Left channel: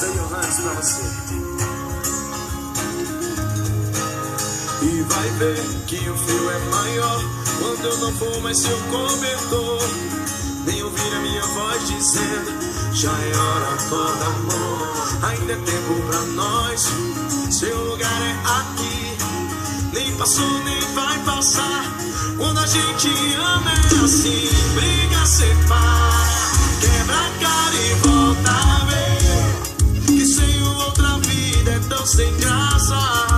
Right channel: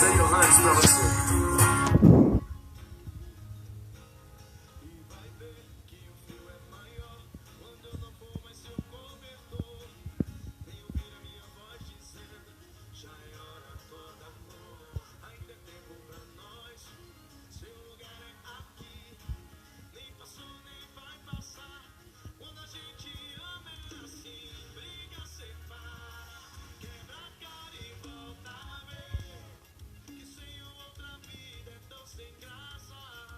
Zé Johannes pra você. E vai ver que o frio é maior quando eu não for mais seu cobertor. Nem ouvir a minha voz dizendo: já é hora, acorda, amor. Ainda é tempo pra nós, seu lugar é aqui. Nem passou, nem vai passar. Quando a gente ama é assim. Briga, separa, quebra a cara e volta a ver que sem outra vida é tão sem graça.